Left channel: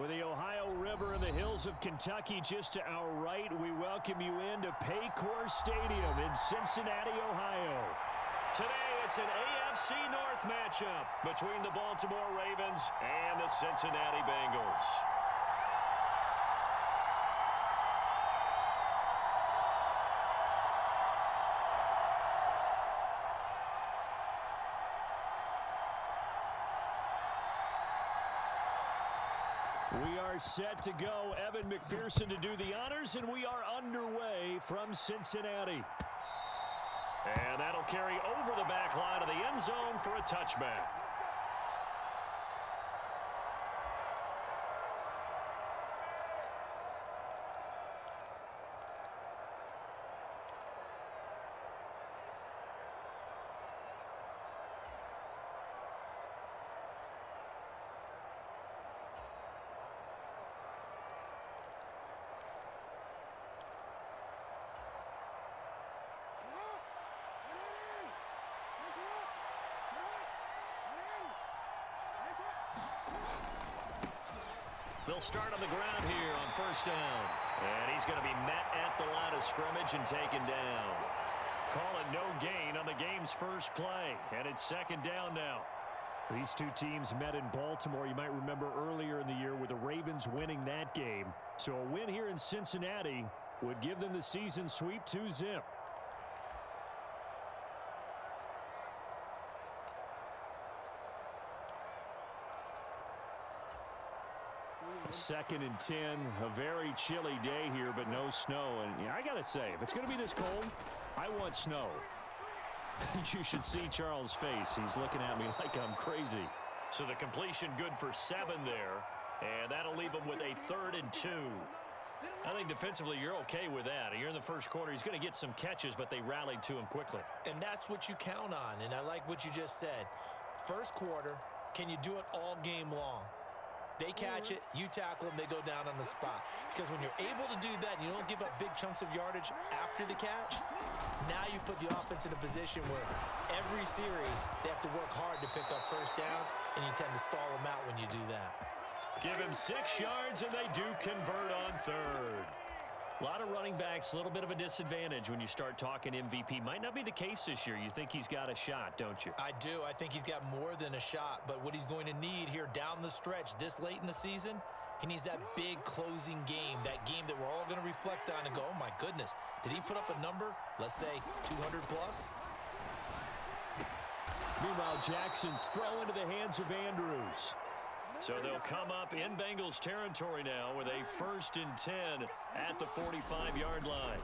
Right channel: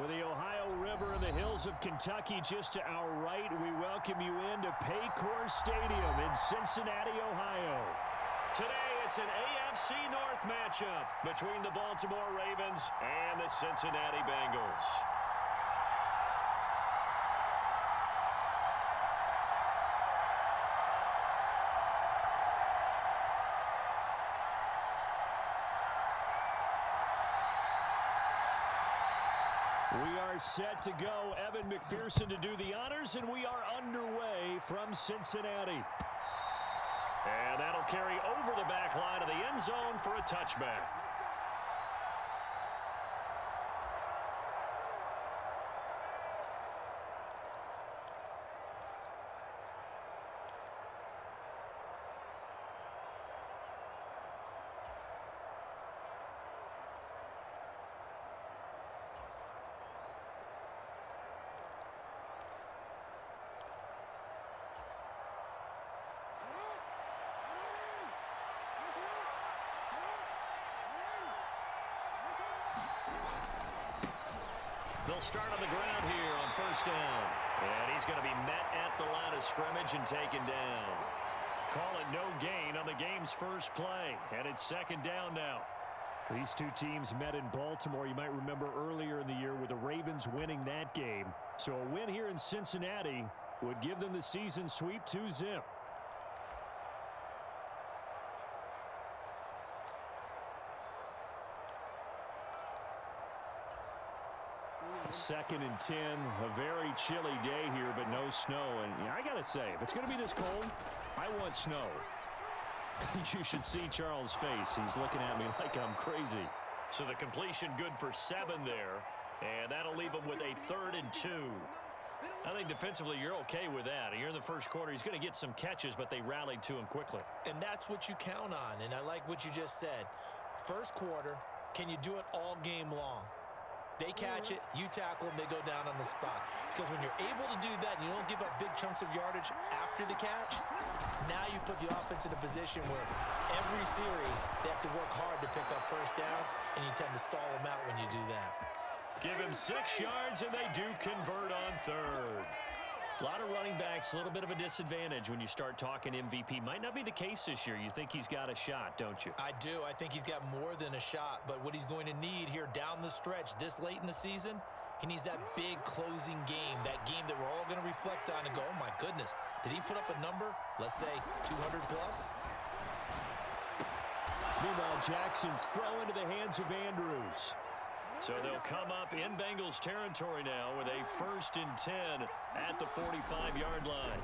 With the Ohio River and the hills of Kentucky just to our right, we welcome you into Paycor Stadium in Cincinnati, Ohio. Today, it's an AFC North matchup between the Baltimore Ravens and the Cincinnati Bengals. We are set to go. Evan McPherson to do the honors, and we are underway from Cincinnati. And that'll carry over the back line of the end zone for a touchback. They'll start on the ground here on first down. And he's going to be met at the line of scrimmage and taken down. Call it no gain on the game's first play. And it's second down now. These two teams met in Baltimore, you might remember earlier in the year, with the Ravens winning that game. So a win here in Cincinnati would give them the season sweep 2-zip. Second and 10, a very chilly day here, but no snow. And I got to say, if it's going to be this cold, I want snow. You should see Charles' face. He's looking at me like I'm crazy. So the completion good for 7 there, and that'll leave him with a 3rd and 2. I think defensively you're okay with that. You're in the first quarter. He's going to get some catches, but they rallied to him quickly. And that's what you count on, and I like what you just said. First quarter, can you do it all game long? They catch it, you tackle them, they go down on the spot. Because when you're able to do that, you don't give up big chunks of yardage after the catch, now you put the offense in a position where every series they have to work hard to pick up first downs, and you tend to stall them out when you do that. Give him 6 yards, and they do convert on 3rd. A lot of running backs, a little bit of a disadvantage when you start talking MVP. Might not be the case this year. You think he's got a shot, don't you? I do. I think he's got more than a shot. But what he's going to need here down the stretch this late in the season, he needs that big closing game, that game that we're all going to reflect on and go, oh, my goodness, did he put up a number, let's say, 200 plus? Meanwhile, Jackson's throw into the hands of Andrews. So they'll come up in Bengals territory now with a 1st and 10 at the 45-yard line.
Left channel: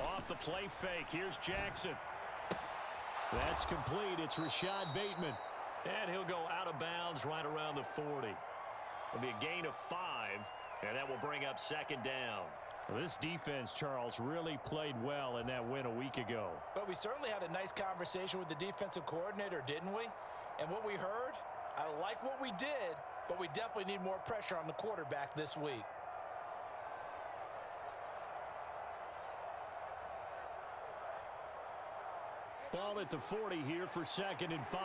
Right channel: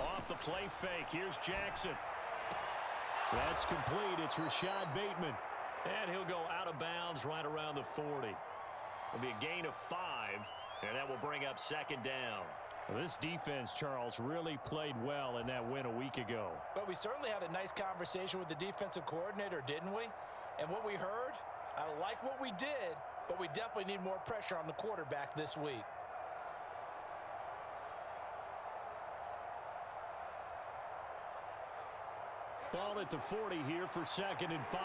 Off the play fake, here's Jackson. That's complete. It's Rashad Bateman. And he'll go out of bounds right around the 40. It'll be a gain of 5, and that will bring up 2nd down. Well, this defense, Charles, really played well in that win a week ago. But we certainly had a nice conversation with the defensive coordinator, didn't we? And what we heard, I like what we did, but we definitely need more pressure on the quarterback this week. Ball at the 40 here for 2nd and 5.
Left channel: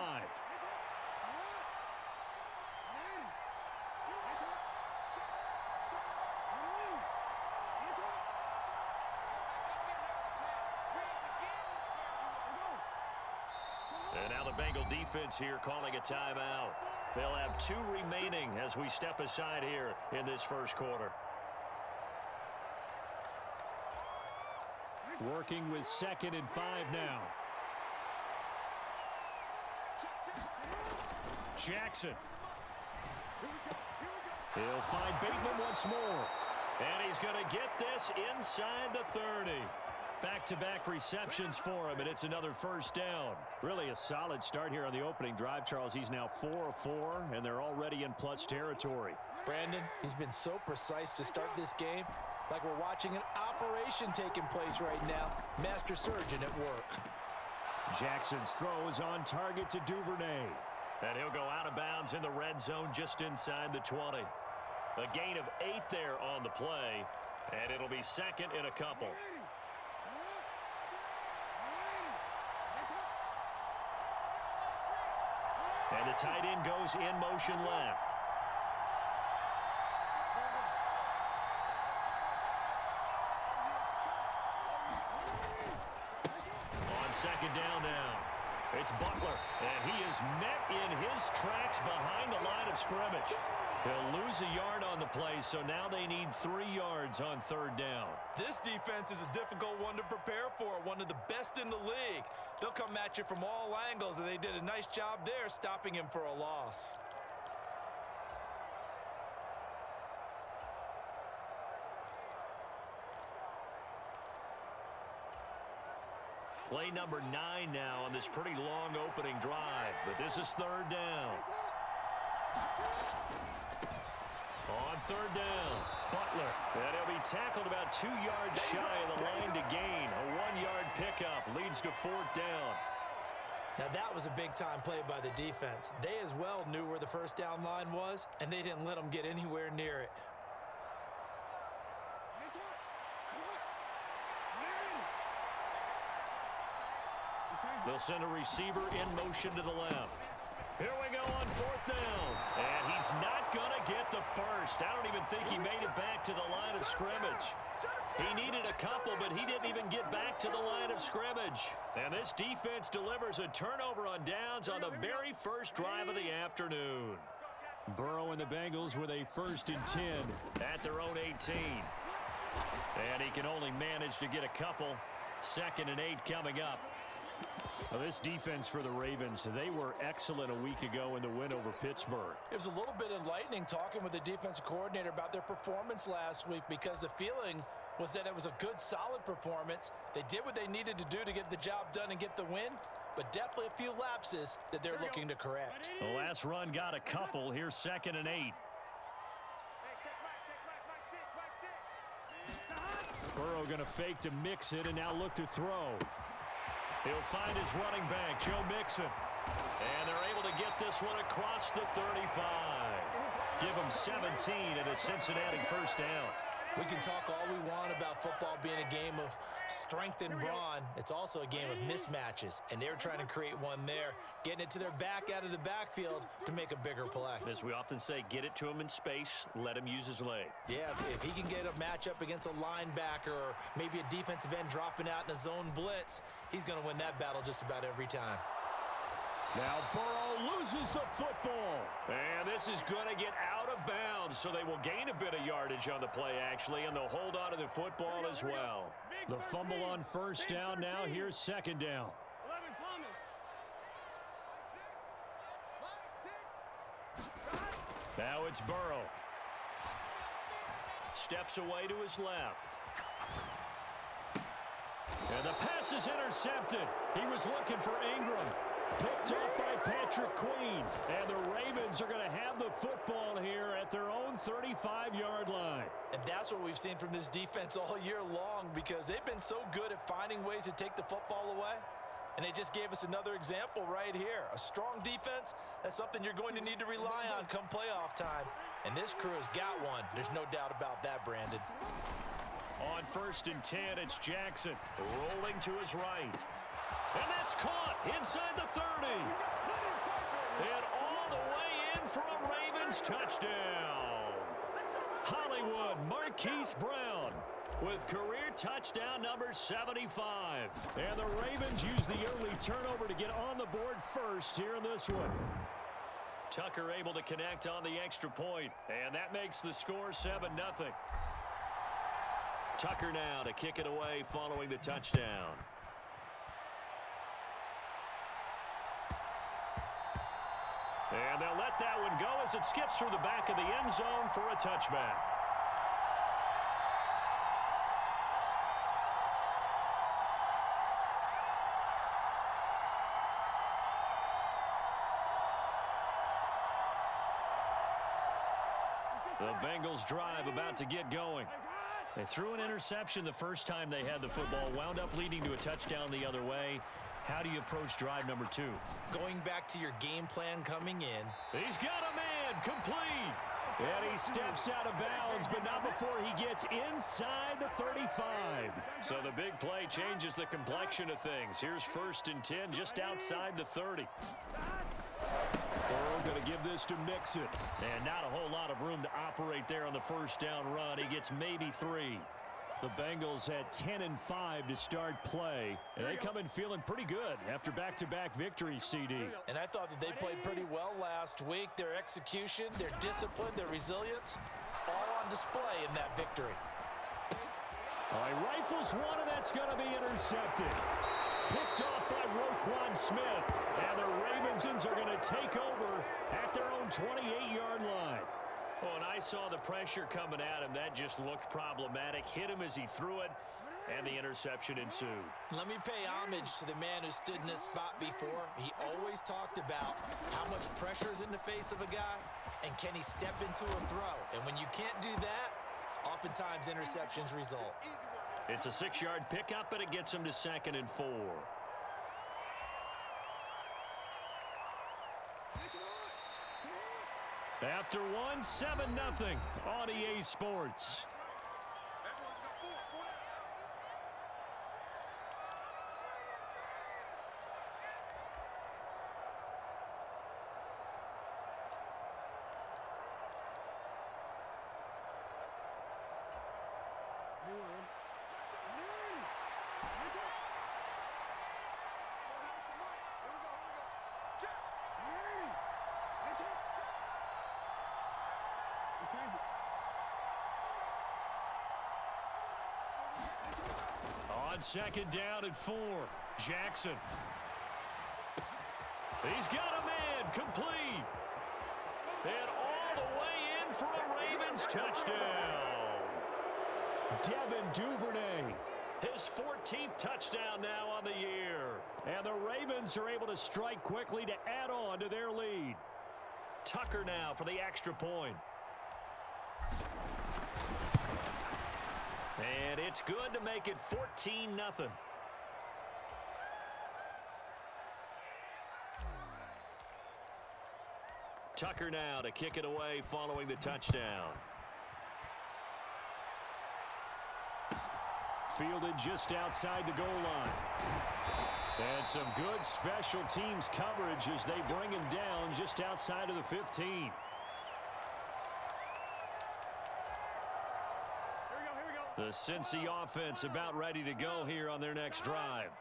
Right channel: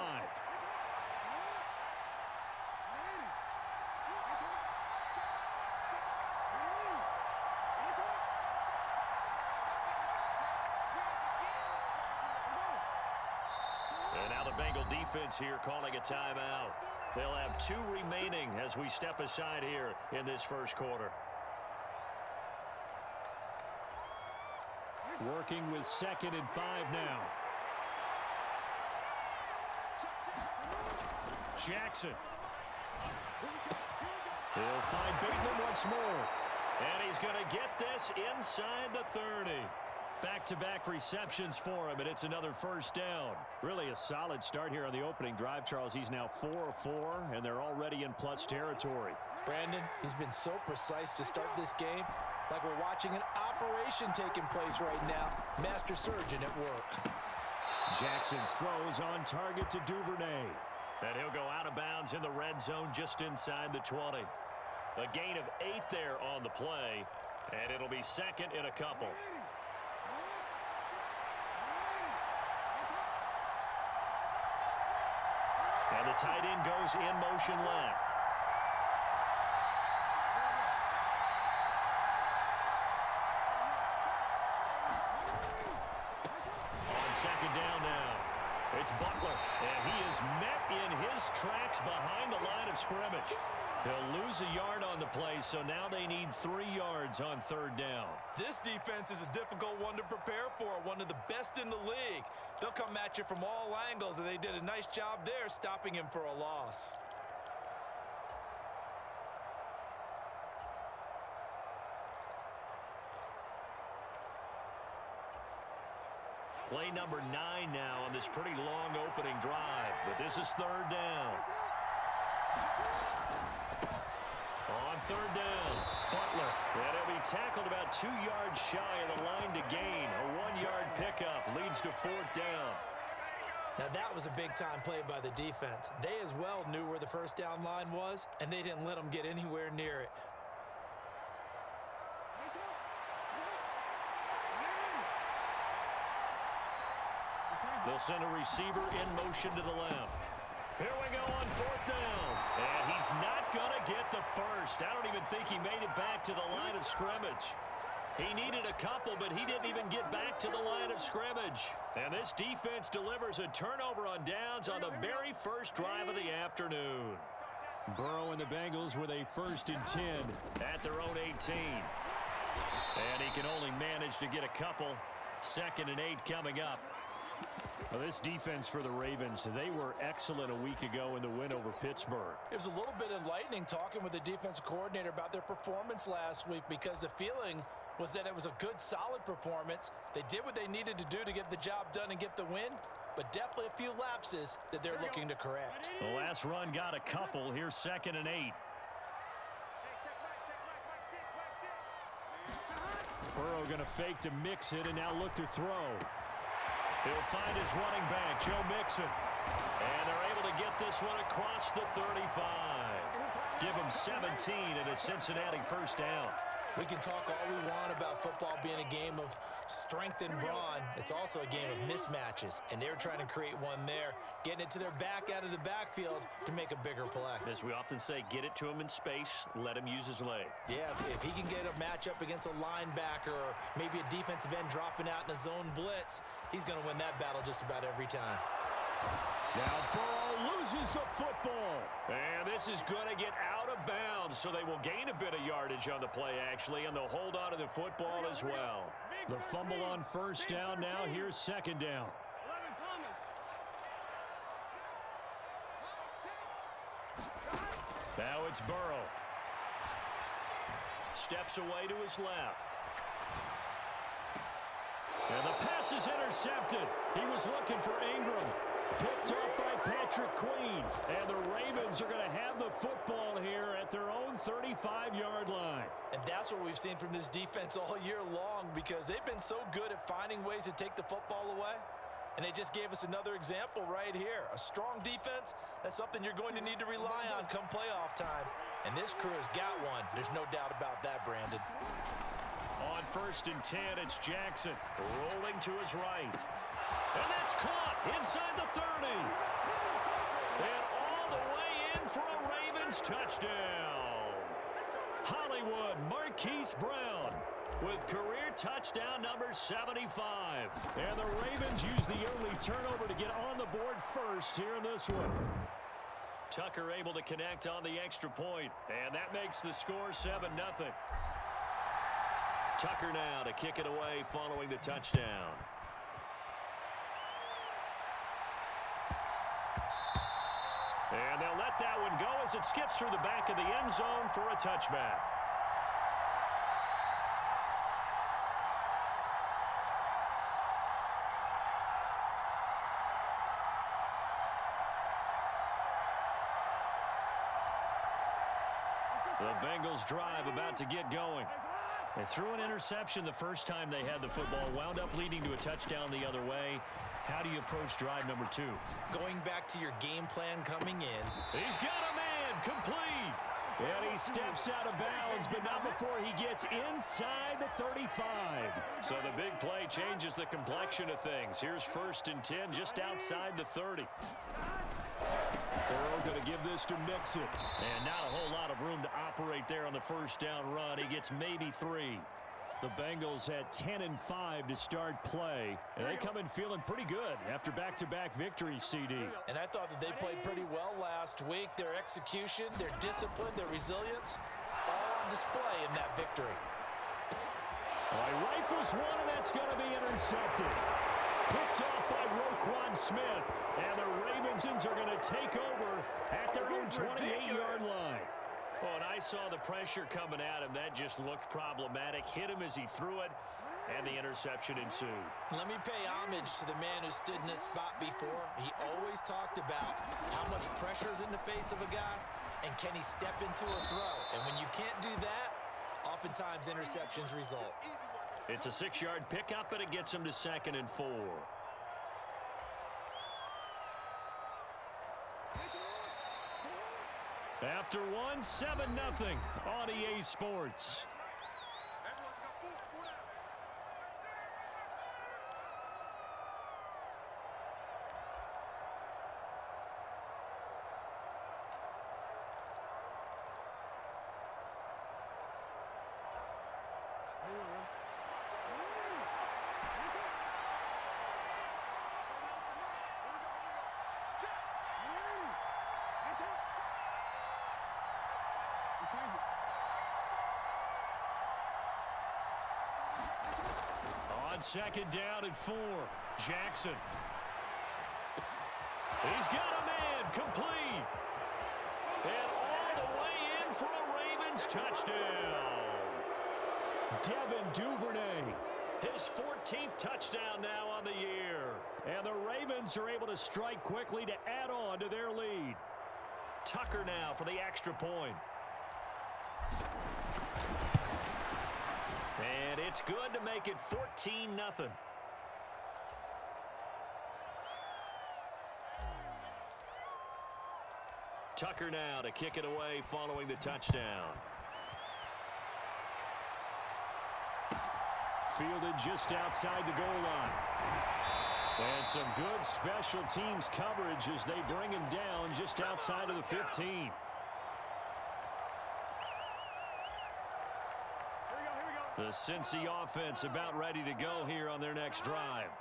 And now the Bengal defense here calling a timeout. They'll have 2 remaining as we step aside here in this first quarter. Working with 2nd and 5 now. Jackson. He'll find Bateman once more. And he's going to get this inside the 30. Back-to-back receptions for him, and it's another 1st down. Really a solid start here on the opening drive, Charles. He's now 4 of 4, and they're already in plus territory. Brandon, he's been so precise to start this game, like we're watching an operation taking place right now. Master surgeon at work. Jackson's throw is on target to Duvernay. And he'll go out of bounds in the red zone just inside the 20. A gain of 8 there on the play, and it'll be 2nd and a couple. And the tight end goes in motion left. second down now. It's Butler, and he is met in his tracks behind the line of scrimmage. He'll lose a yard on the play, so now they need 3 yards on third down. This defense is a difficult one to prepare for, one of the best in the league. They'll come at you from all angles, and they did a nice job there stopping him for a loss. Play number 9 now on this pretty long opening drive, but this is third down. On third down, Butler. And he'll be tackled about 2 yards shy of the line to gain. A 1-yard pickup leads to fourth down. Now that was a big-time play by the defense. They as well knew where the first down line was, and they didn't let them get anywhere near it. They'll send a receiver in motion to the left. Here we go on fourth down. And he's not going to get the first. I don't even think he made it back to the line of scrimmage. He needed a couple, but he didn't even get back to the line of scrimmage. And this defense delivers a turnover on downs on the very first drive of the afternoon. Burrow and the Bengals with a 1st and 10 at their own 18. And he can only manage to get a couple. 2nd and 8 coming up. Well, this defense for the Ravens, they were excellent a week ago in the win over Pittsburgh. It was a little bit enlightening talking with the defensive coordinator about their performance last week, because the feeling was that it was a good, solid performance. They did what they needed to do to get the job done and get the win, but definitely a few lapses that they're looking to correct. The last run got a couple. Here's 2nd and 8. Burrow going to fake to mix it and now look to throw. He'll find his running back, Joe Mixon. And they're able to get this one across the 35. Give him 17 and a Cincinnati first down. We can talk all we want about football being a game of strength and brawn. It's also a game of mismatches, and they're trying to create one there, getting it to their back out of the backfield to make a bigger play. As we often say, get it to him in space, let him use his leg. Yeah, if he can get a matchup against a linebacker or maybe a defensive end dropping out in a zone blitz, he's going to win that battle just about every time. Now Burrow loses the football. And this is going to get out of bounds, so they will gain a bit of yardage on the play, actually, and they'll hold on to the football as well. The fumble on first down now. Here's 2nd down. Now it's Burrow. Steps away to his left. And the pass is intercepted. He was looking for Ingram. Picked off by Patrick Queen. And the Ravens are going to have the football here at their own 35-yard line. And that's what we've seen from this defense all year long, because they've been so good at finding ways to take the football away. And they just gave us another example right here. A strong defense, that's something you're going to need to rely on come playoff time. And this crew has got one. There's no doubt about that, Brandon. On 1st and 10, it's Jackson rolling to his right. And that's caught inside the 30. And all the way in for a Ravens touchdown. Hollywood Marquise Brown with career touchdown number 75. And the Ravens use the early turnover to get on the board first here in this one. Tucker able to connect on the extra point, and that makes the score 7-0. Tucker now to kick it away following the touchdown. And they'll let that one go as it skips through the back of the end zone for a touchback. The Bengals drive about to get going. They threw an interception the first time they had the football, wound up leading to a touchdown the other way. How do you approach drive number 2? Going back to your game plan coming in. He's got a man, complete. And he steps out of bounds, but not before he gets inside the 35. So the big play changes the complexion of things. Here's 1st and 10 just outside the 30. Burrow going to give this to Mixon. And not a whole lot of room to operate there on the first down run. He gets maybe 3. The Bengals at 10-5 to start play. And they come in feeling pretty good after back-to-back victories, CD. And I thought that they played pretty well last week. Their execution, their discipline, their resilience, all on display in that victory. All right, rifles one, and that's going to be intercepted. Picked off by Roquan Smith. And the Ravens are going to take over at their own 28-yard line. Oh, and I saw the pressure coming at him. That just looked problematic. Hit him as he threw it, and the interception ensued. Let me pay homage to the man who stood in this spot before. He always talked about how much pressure is in the face of a guy, and can he step into a throw. And when you can't do that, oftentimes interceptions result. It's a 6-yard pickup, and it gets him to 2nd and 4. After one, 7-0 on EA Sports. On 2nd down and 4, Jackson. He's got a man, complete. And all the way in for a Ravens touchdown. Devin Duvernay, his 14th touchdown now on the year. And the Ravens are able to strike quickly to add on to their lead. Tucker now for the extra point. And it's good to make it 14-0. Tucker now to kick it away following the touchdown. Fielded just outside the goal line. And some good special teams coverage as they bring him down just outside of the 15. The Cincy offense about ready to go here on their next drive.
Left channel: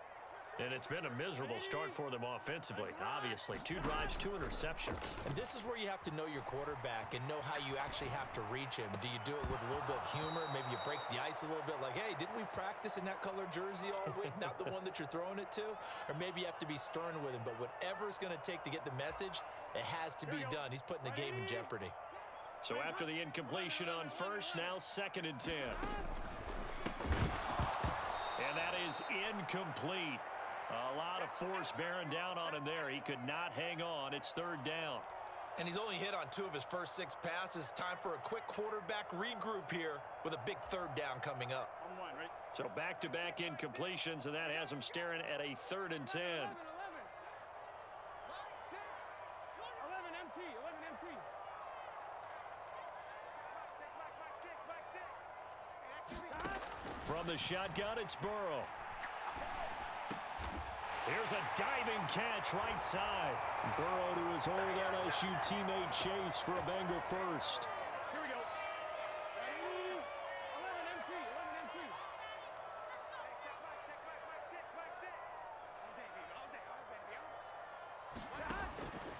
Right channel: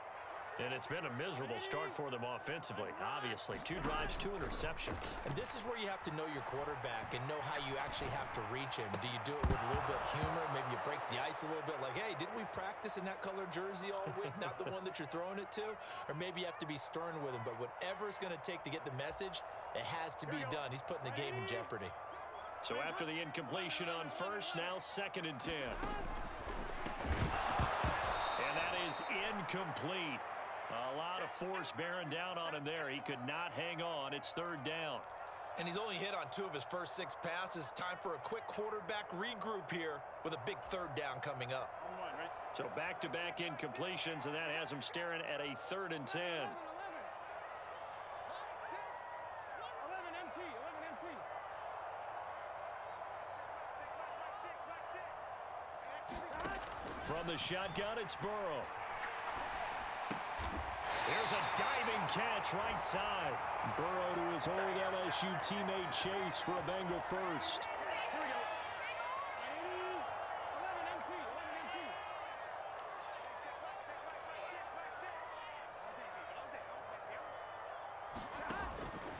And it's been a miserable start for them offensively. Obviously, 2 drives, 2 interceptions. And this is where you have to know your quarterback and know how you actually have to reach him. Do you do it with a little bit of humor? Maybe you break the ice a little bit like, hey, didn't we practice in that color jersey all week? Not the one that you're throwing it to? Or maybe you have to be stern with him. But whatever it's going to take to get the message, it has to be done. He's putting the game in jeopardy. So after the incompletion on first, now 2nd and 10. And that is incomplete. A lot of force bearing down on him there. He could not hang on. It's 3rd down. And he's only hit on 2 of his first 6 passes. Time for a quick quarterback regroup here with a big 3rd down coming up. So back-to-back incompletions, and that has him staring at a 3rd and 10. From the shotgun, it's Burrow. Here's a diving catch right side. Burrow to his old LSU teammate Chase for a Bengal first. Here we go. 11 MT. Check back.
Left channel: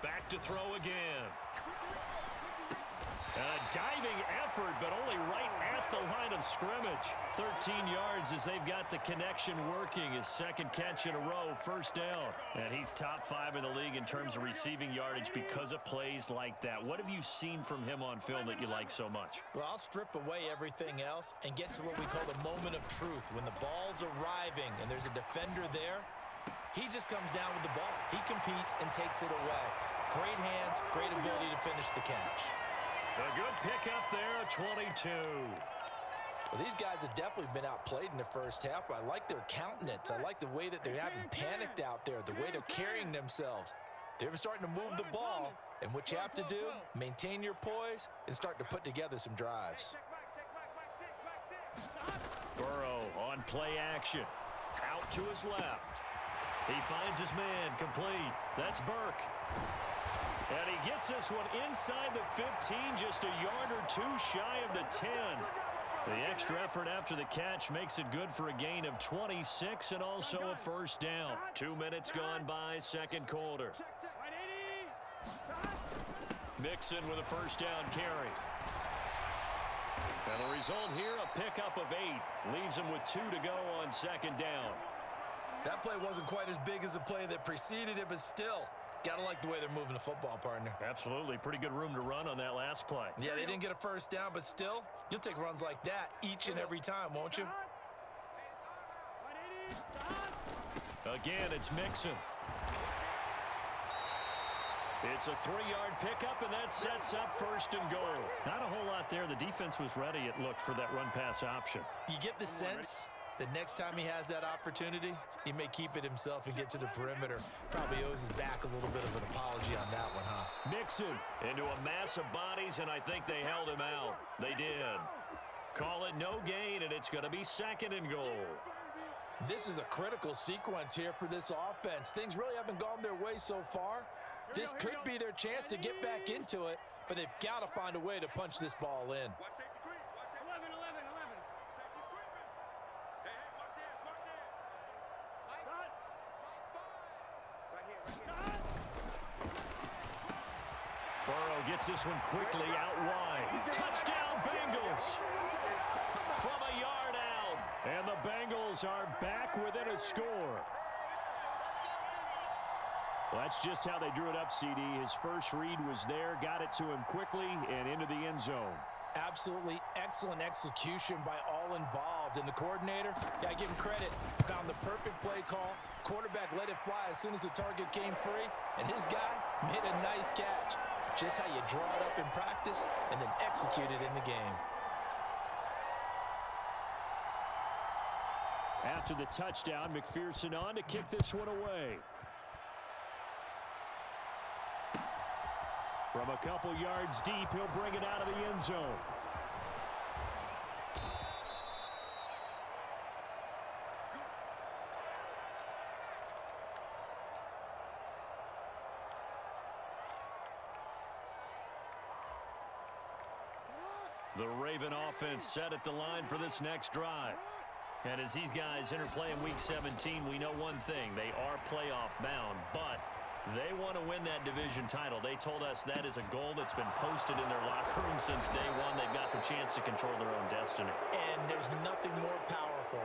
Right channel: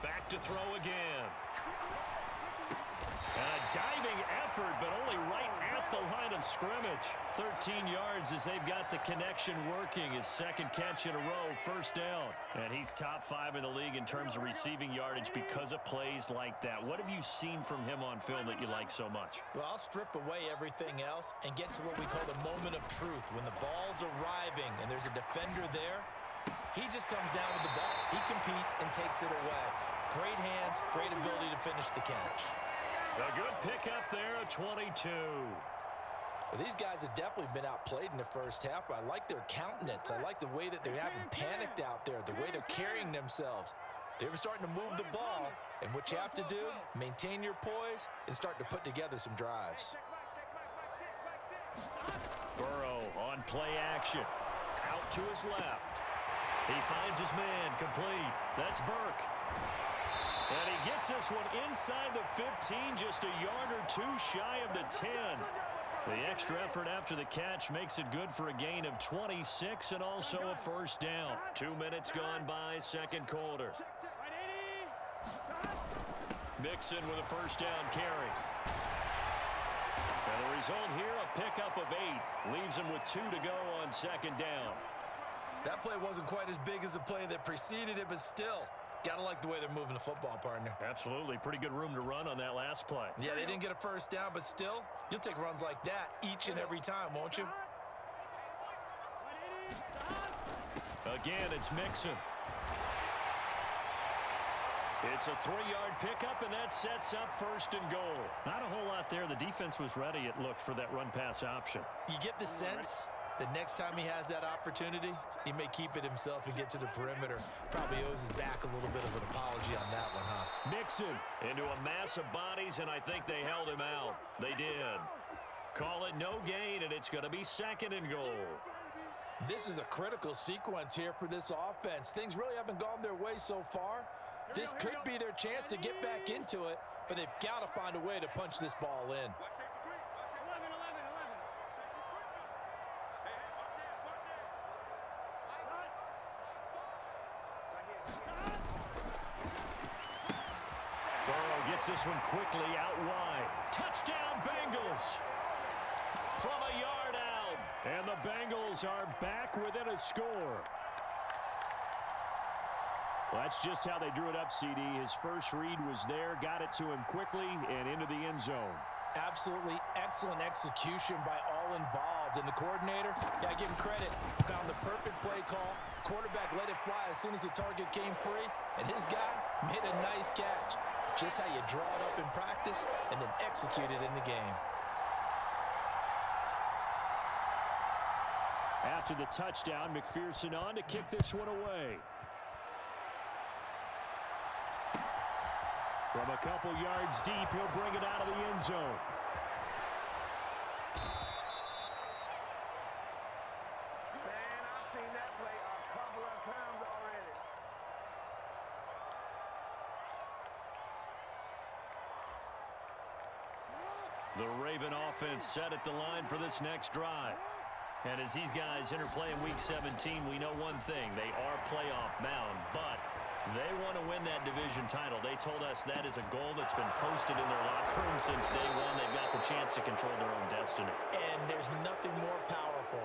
Back to throw again. And a diving effort, but only right at the line of scrimmage. 13 yards as they've got the connection working. His 2nd catch in a row, 1st down. And he's top 5 in the league in terms of receiving yardage because of plays like that. What have you seen from him on film that you like so much? Well, I'll strip away everything else and get to what we call the moment of truth. When the ball's arriving and there's a defender there, he just comes down with the ball. He competes and takes it away. Great hands, great ability to finish the catch. A good pickup there, a 22. Well, these guys have definitely been outplayed in the first half, but I like their countenance. I like the way that they haven't panicked out there, the way they're carrying themselves. They're starting to move the ball, and what you have to do, maintain your poise and start to put together some drives. Burrow on play action. Out to his left. He finds his man, complete. That's Burke. And he gets this one inside the 15, just a yard or 2 shy of the 10. The extra effort after the catch makes it good for a gain of 26 and also a first down. 2 minutes gone by, second quarter. Mixon with a first down carry. And the result here, a pickup of 8. Leaves him with 2 to go on second down. That play wasn't quite as big as the play that preceded it, but still, gotta like the way they're moving the football, partner. Absolutely. Pretty good room to run on that last play. Yeah, they didn't get a first down, but still, you'll take runs like that each and every time, won't you? Again, it's Mixon. It's a 3-yard pickup, and that sets up first and goal. Not a whole lot there. The defense was ready, it looked, for that run-pass option. You get the sense that next time he has that opportunity, he may keep it himself and get to the perimeter. Probably owes his back a little bit of an apology on that one, huh? Mixon into a mass of bodies, and I think they held him out. They did. Call it no gain, and it's going to be second and goal. This is a critical sequence here for this offense. Things really haven't gone their way so far. This could be their chance to get back into it, but they've got to find a way to punch this ball in. Burrow gets this one quickly out wide. Touchdown, Bengals! From a yard out. And the Bengals are back within a score. Well, that's just how they drew it up, CD. His first read was there, got it to him quickly, and into the end zone. Absolutely excellent execution by all involved. And the coordinator, gotta give him credit, found the perfect play call. Quarterback let it fly as soon as the target came free, and his guy made a nice catch. Just how you draw it up in practice and then execute it in the game. After the touchdown, McPherson on to kick this one away. From a couple yards deep, he'll bring it out of the end zone. The Raven offense set at the line for this next drive. And as these guys interplay in Week 17, we know one thing. They are playoff bound, but they want to win that division title. They told us that is a goal that's been posted in their locker room since day one. They've got the chance to control their own destiny. And there's nothing more powerful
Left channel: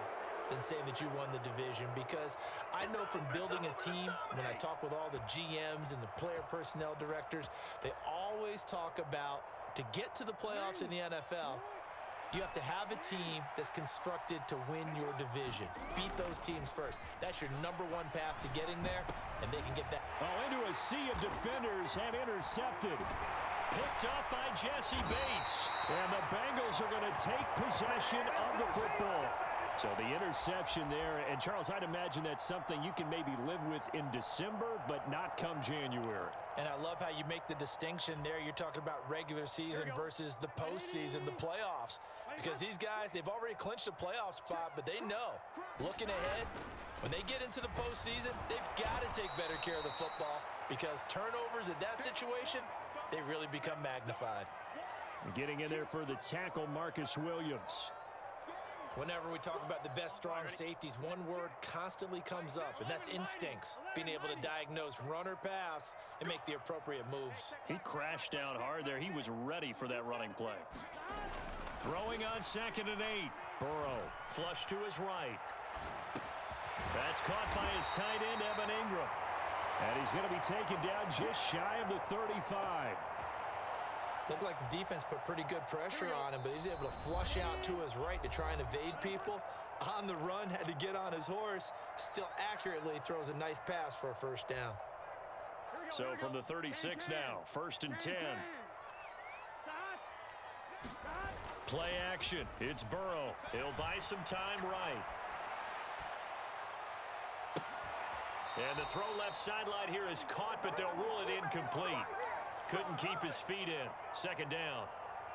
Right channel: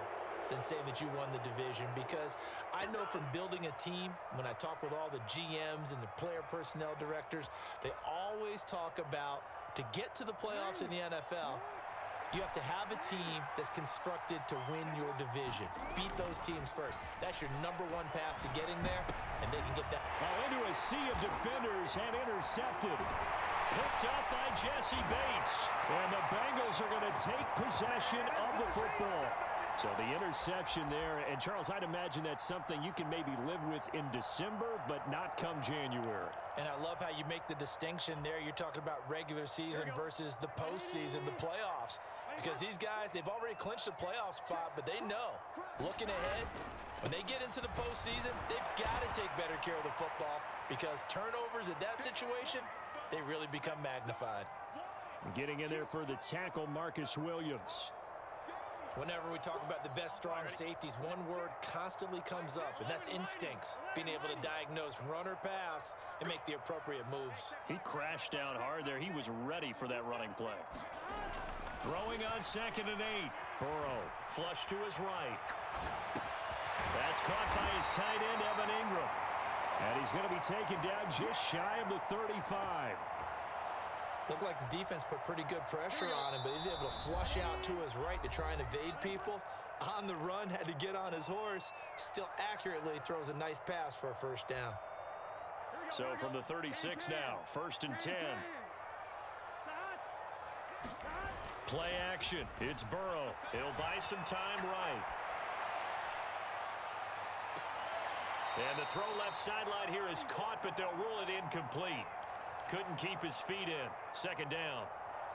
than saying that you won the division, because I know from building a team, when I talk with all the GMs and the player personnel directors, they always talk about, to get to the playoffs in the NFL, you have to have a team that's constructed to win your division. Beat those teams first. That's your #1 path to getting there, and they can get that. Oh, into a sea of defenders and intercepted. Picked up by Jesse Bates. And the Bengals are going to take possession of the football. So the interception there. And, Charles, I'd imagine that's something you can maybe live with in December, but not come January. And I love how you make the distinction there. You're talking about regular season versus the postseason, the playoffs. Because these guys, they've already clinched a playoff spot, but they know, looking ahead, when they get into the postseason, they've got to take better care of the football, because turnovers in that situation, they really become magnified. Getting in there for the tackle, Marcus Williams. Whenever we talk about the best strong safeties, one word constantly comes up, and that's instincts. Being able to diagnose run or pass and make the appropriate moves. He crashed down hard there. He was ready for that running play. Throwing on 2nd and 8. Burrow flush to his right. That's caught by his tight end, Evan Ingram. And he's going to be taken down just shy of the 35. Looked like the defense put pretty good pressure on him, but he's able to flush out to his right to try and evade people. On the run, had to get on his horse. Still accurately throws a nice pass for a first down. So from the 36 now, 1st and 10. Play action. It's Burrow. He'll buy some time right. And the throw left sideline here is caught, but they'll rule it incomplete. Couldn't keep his feet in. 2nd down.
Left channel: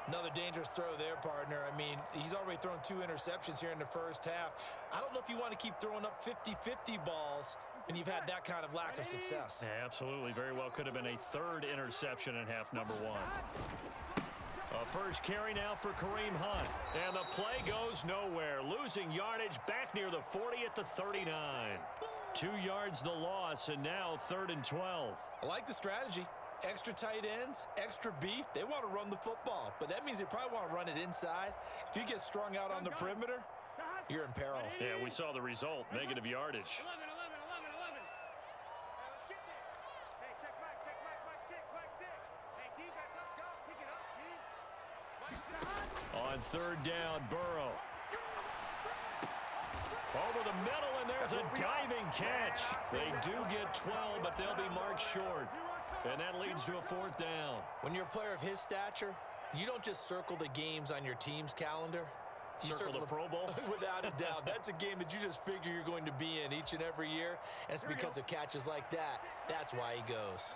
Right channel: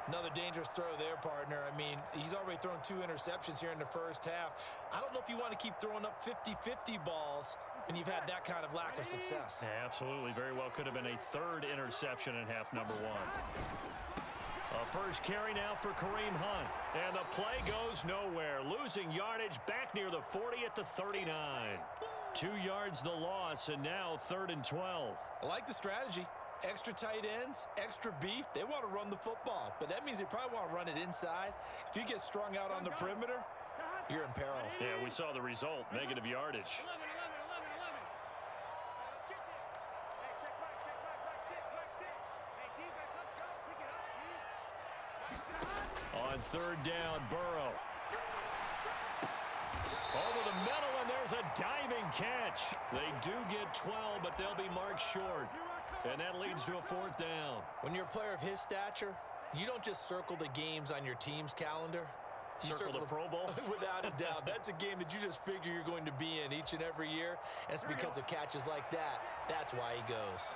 Another dangerous throw there, partner. I mean, he's already thrown 2 interceptions here in the first half. I don't know if you want to keep throwing up 50-50 balls and you've had that kind of lack of success. Absolutely. Very well could have been a 3rd interception in half number 1. A first carry now for Kareem Hunt. And the play goes nowhere. Losing yardage back near the 40 at the 39. 2 yards the loss, and now 3rd and 12. I like the strategy. Extra tight ends, extra beef. They want to run the football, but that means they probably want to run it inside. If you get strung out on the perimeter, you're in peril. Yeah, we saw the result. Negative yardage. 11. Let's get there. Hey, check Mike, Mike 6. Hey, defense, let's go. Pick it up, D. On 3rd down, Burrow. Over the middle, and there's a diving catch. They do get 12, but they'll be marked short. And that leads to a 4th down. When you're a player of his stature, you don't just circle the games on your team's calendar. You Circle the Pro Bowl? Without a doubt. That's a game that you just figure you're going to be in each and every year. And it's because of catches like that. That's why he goes.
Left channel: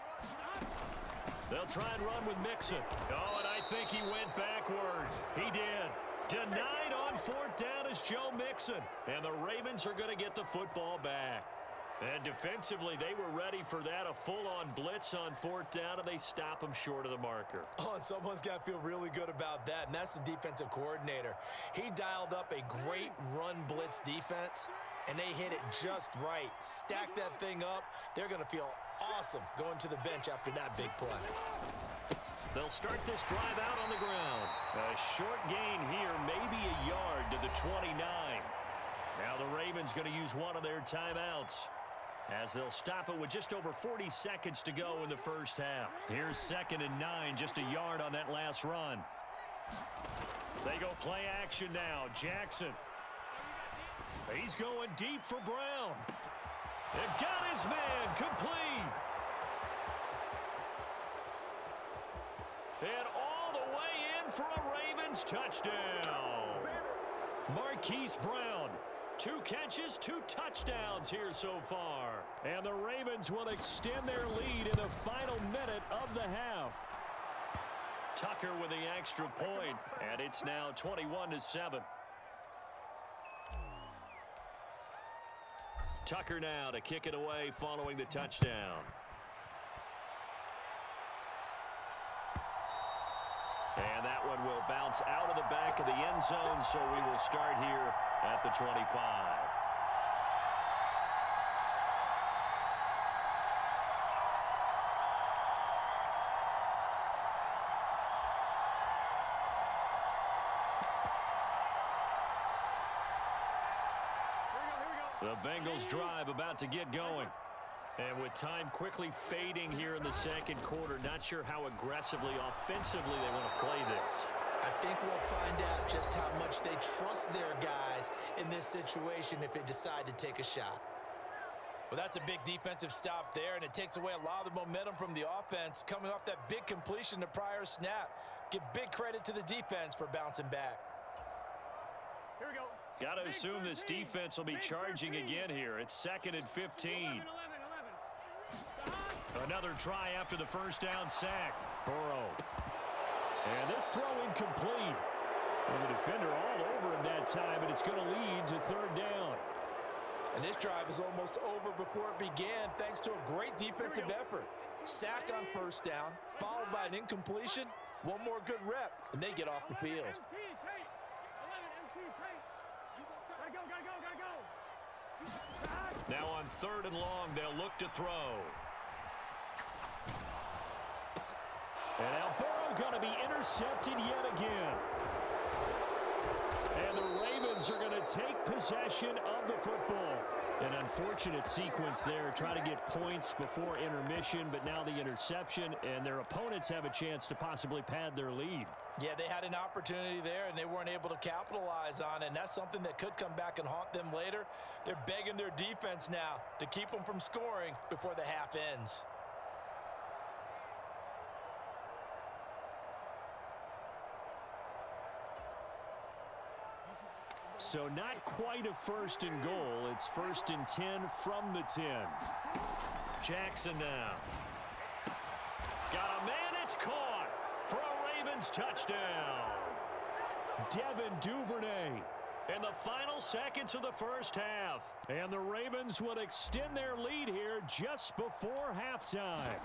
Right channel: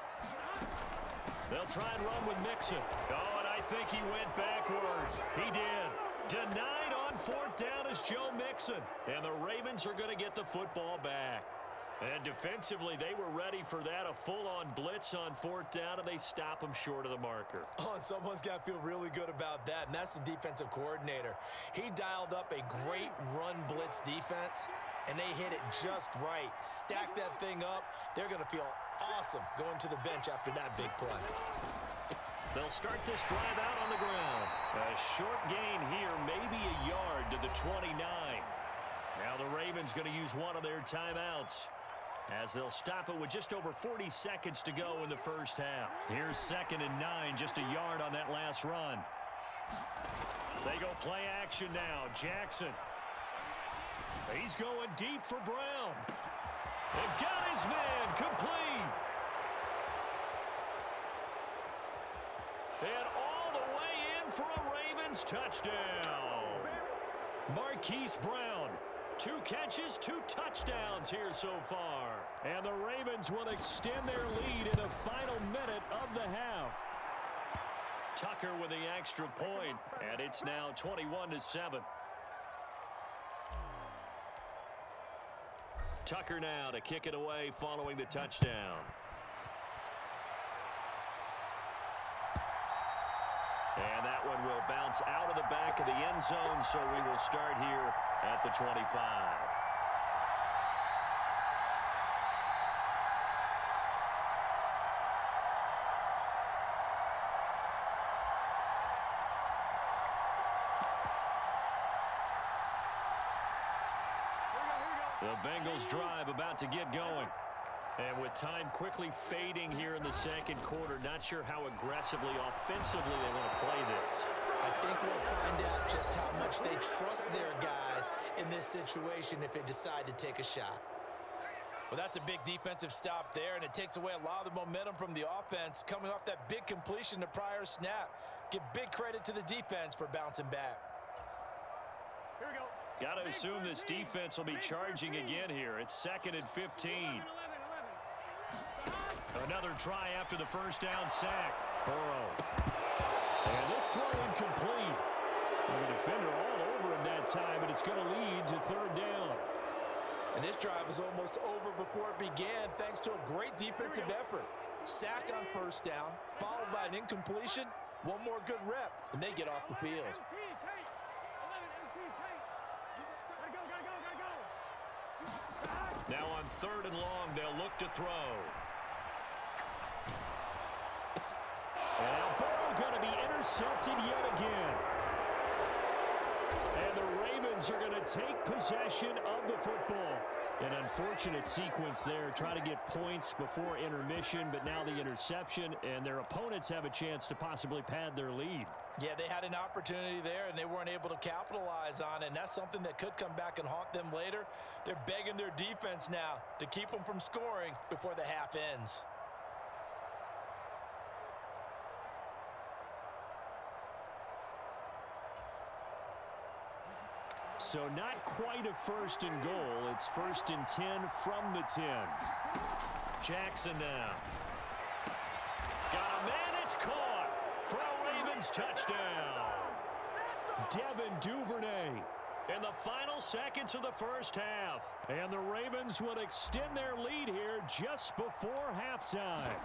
They'll try and run with Mixon. Oh, and I think he went backward. He did. Denied on 4th down is Joe Mixon. And the Ravens are going to get the football back. And defensively, they were ready for that. A full-on blitz on 4th down, and they stop him short of the marker. Oh, and someone's got to feel really good about that, and that's the defensive coordinator. He dialed up a great run blitz defense, and they hit it just right. Stack that thing up. They're going to feel awesome going to the bench after that big play. They'll start this drive out on the ground. A short gain here, maybe a yard to the 29. Now the Ravens going to use one of their timeouts, as they'll stop it with just over 40 seconds to go in the first half. Here's 2nd and 9, just a yard on that last run. They go play action now. Jackson. He's going deep for Brown. And got his man complete. And all the way in for a Ravens touchdown. Marquise Brown. 2 catches, 2 touchdowns here so far. And the Ravens will extend their lead in the final minute of the half. Tucker with the extra point, and it's now 21-7. Tucker now to kick it away following the touchdown. And that one will bounce out of the back of the end zone, so we will start here at the 25. The Bengals drive about to get going. And with time quickly fading here in the 2nd quarter, not sure how aggressively, offensively they want to play this. I think we'll find out just how much they trust their guys in this situation if they decide to take a shot. Well, that's a big defensive stop there, and it takes away a lot of the momentum from the offense coming off that big completion the prior snap. Give big credit to the defense for bouncing back. Here we go. Got to assume this defense will be charging again here. It's 2nd and 15. Another try after the first down sack. Burrow. And this throw incomplete. And the defender all over him that time, and it's going to lead to 3rd down. And this drive is almost over before it began thanks to a great defensive effort. Sack on 1st down, followed by an incompletion. One more good rep, and they get off the field. Now on 3rd and long, they'll look to throw. And now Burrow going to be intercepted yet again. And the Ravens are going to take possession of the football. An unfortunate sequence there, trying to get points before intermission, but now the interception, and their opponents have a chance to possibly pad their lead. Yeah, they had an opportunity there, and they weren't able to capitalize on it, and that's something that could come back and haunt them later. They're begging their defense now to keep them from scoring before the half ends. So not quite a 1st and goal. It's 1st and 10 from the 10. Jackson now. Got a man, it's caught for a Ravens touchdown. Devin Duvernay in the final seconds of the first half. And the Ravens would extend their lead here just before halftime.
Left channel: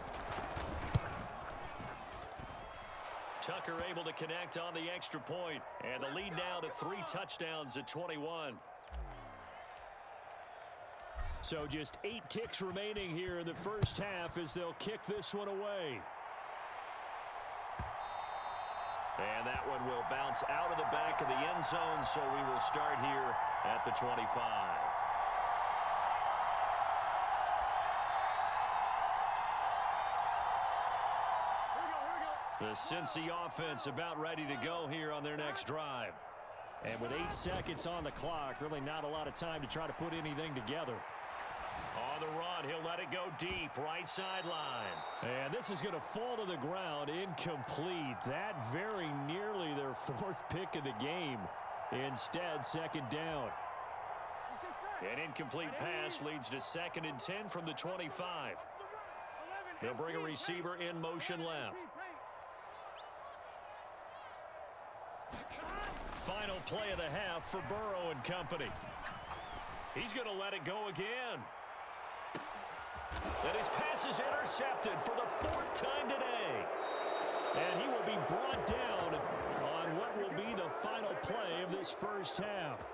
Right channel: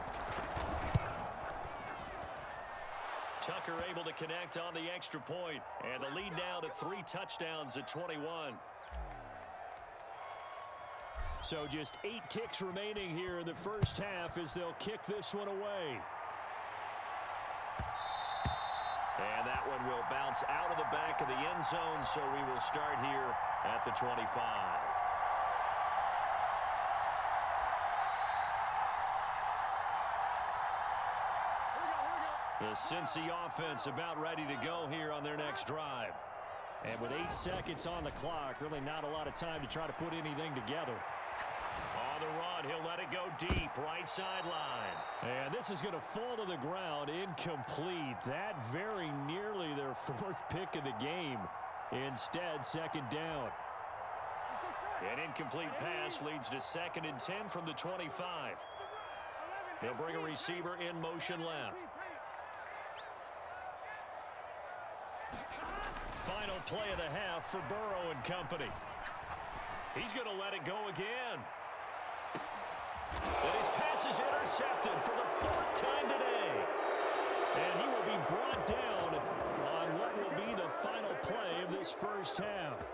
Tucker able to connect on the extra point. And the lead now to 3 touchdowns at 21. So just 8 ticks remaining here in the first half as they'll kick this one away. And that one will bounce out of the back of the end zone, so we will start here at the 25. The Cincy offense about ready to go here on their next drive. And with 8 seconds on the clock, really not a lot of time to try to put anything together. On the run, he'll let it go deep, right sideline. And this is going to fall to the ground, incomplete. That very nearly their 4th pick of the game. Instead, 2nd down. An incomplete pass leads to 2nd and 10 from the 25. They'll bring a receiver in motion left. Final play of the half for Burrow and company. He's going to let it go again. And his pass is intercepted for the 4th time today. And he will be brought down on what will be the final play of this first half.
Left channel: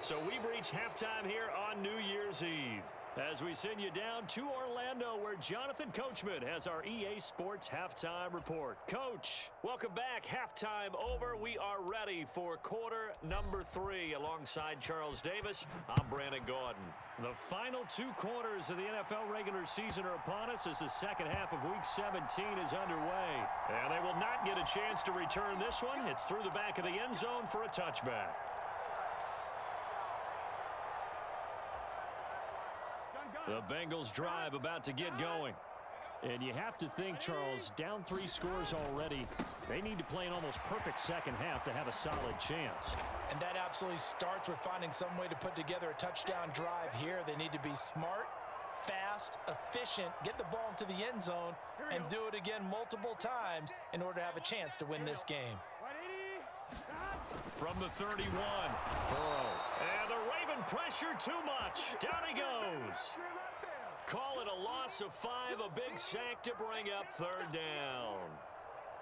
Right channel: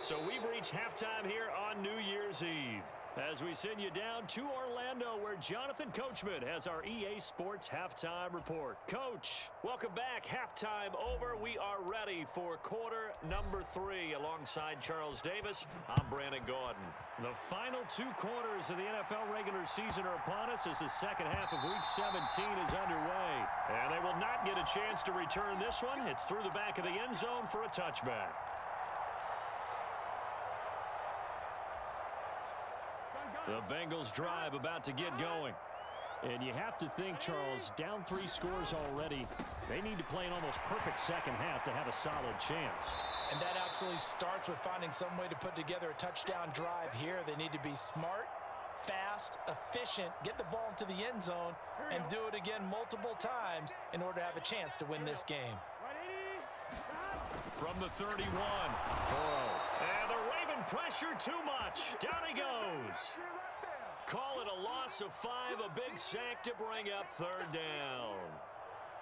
So we've reached halftime here on New Year's Eve, as we send you down to Orlando, where Jonathan Coachman has our EA Sports Halftime Report. Coach, welcome back. Halftime over. We are ready for quarter number 3. Alongside Charles Davis, I'm Brandon Gaudin. The final 2 quarters of the NFL regular season are upon us as the second half of Week 17 is underway. And they will not get a chance to return this one. It's through the back of the end zone for a touchback. The Bengals drive about to get going. And you have to think, Charles, down 3 scores already. They need to play an almost perfect second half to have a solid chance. And that absolutely starts with finding some way to put together a touchdown drive here. They need to be smart, fast, efficient, get the ball into the end zone, and do it again multiple times in order to have a chance to win this game. From the 31, Burrow. And the Raven pressure too much. Down he goes. Call it a loss of 5, a big sack to bring up 3rd down.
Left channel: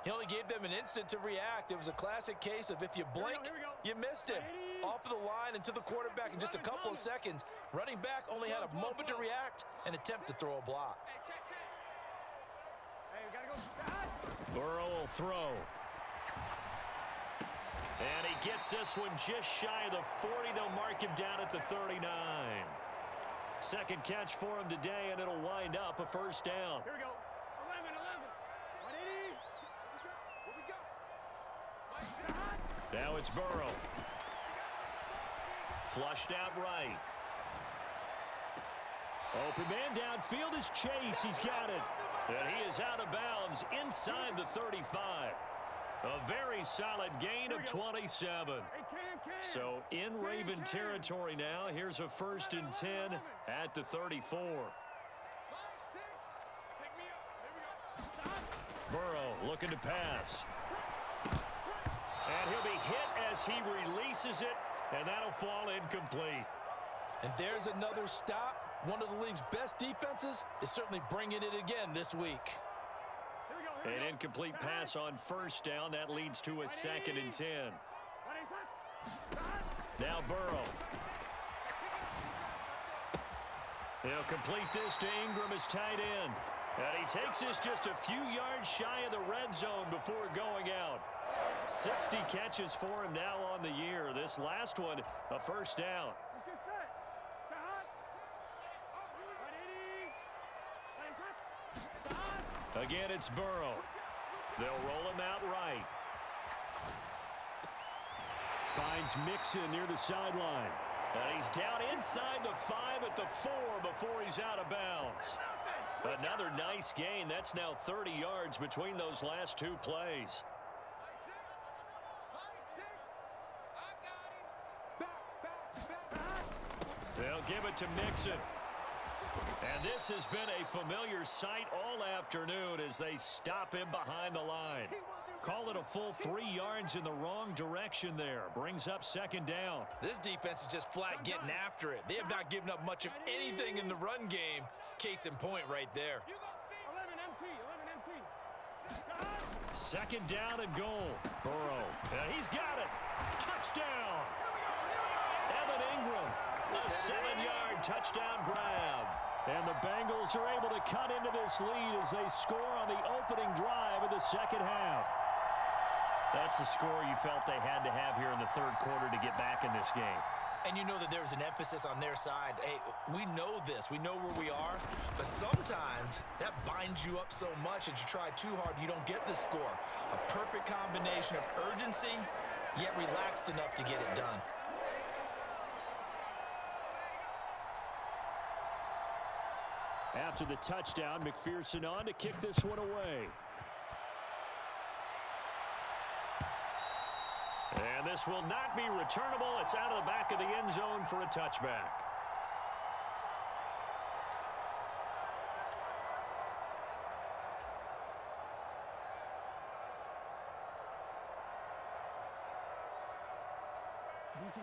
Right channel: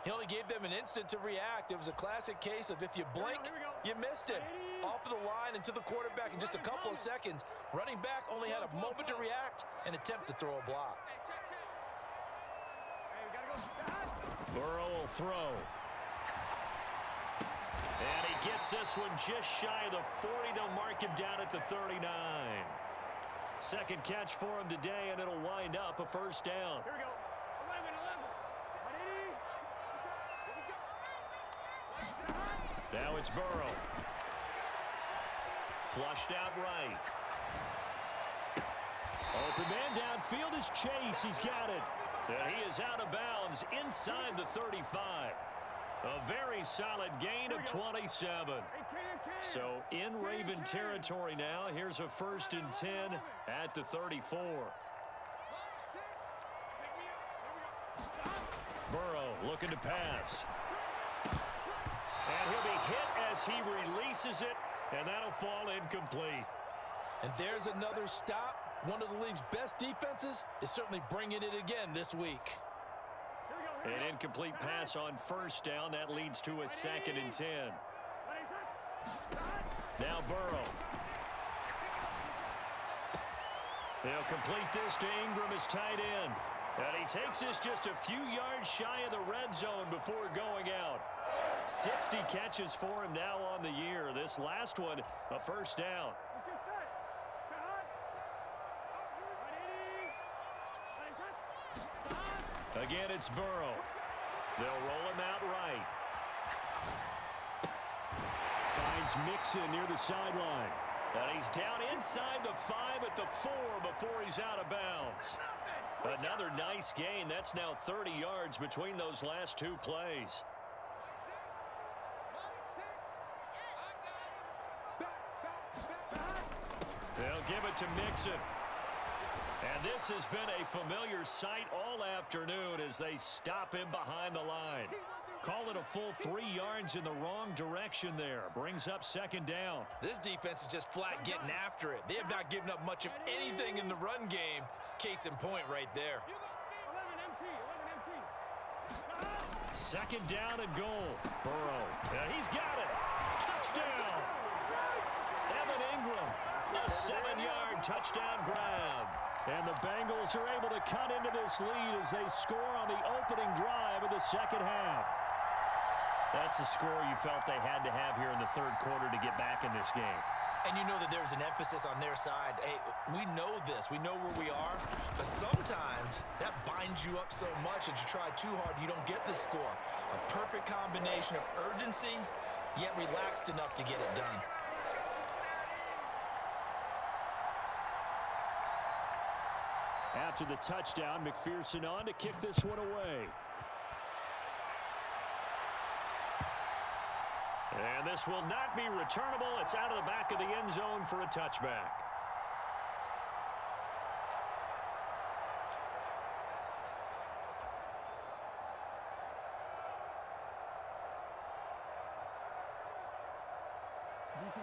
He only gave them an instant to react. It was a classic case of if you blink, you missed him. Off of the line and to the quarterback in just a couple of seconds. Running back only had a moment to react and attempt to throw a block. Burrow will throw. And he gets this one just shy of the 40. They'll mark him down at the 39. Second catch for him today, and it'll wind up a 1st down. Here we go. 11. 180. Now it's Burrow. Flushed out right. Open man downfield is Chase. He's got it. And he is out of bounds inside the 35. A very solid gain of 27. So in Raven territory now. Here's a 1st and 10 at the 34. Burrow looking to pass. And he'll be hit as he releases it, and that'll fall incomplete. And there's another stop. One of the league's best defenses is certainly bringing it again this week. An incomplete pass on 1st down. That leads to a 2nd and 10. Now Burrow. He'll complete this to Ingram as tight end. And he takes this just a few yards shy of the red zone before going out. 60 catches for him now on the year. This last one, a 1st down. Again, it's Burrow. They'll roll him out right. Finds Mixon near the sideline. And he's down inside the 5 at the 4 before he's out of bounds. Another nice gain. That's now 30 yards between those last 2 plays. They'll give it to Mixon. And this has been a familiar sight all afternoon as they stop him behind the line. Call it a full 3 yards in the wrong direction there. Brings up 2nd down. This defense is just flat getting after it. They have not given up much of anything in the run game. Case in point right there. 11 MT. Second down and goal. Burrow. He's got it. Touchdown. Evan Ingram. A 7-yard touchdown grab. And the Bengals are able to cut into this lead as they score on the opening drive of the second half. That's a score you felt they had to have here in the third quarter to get back in this game. And you know that there's an emphasis on their side. Hey, we know this. We know where we are. But sometimes that binds you up so much that you try too hard, you don't get the score. A perfect combination of urgency, yet relaxed enough to get it done. After the touchdown, McPherson on to kick this one away. And this will not be returnable. It's out of the back of the end zone for a touchback.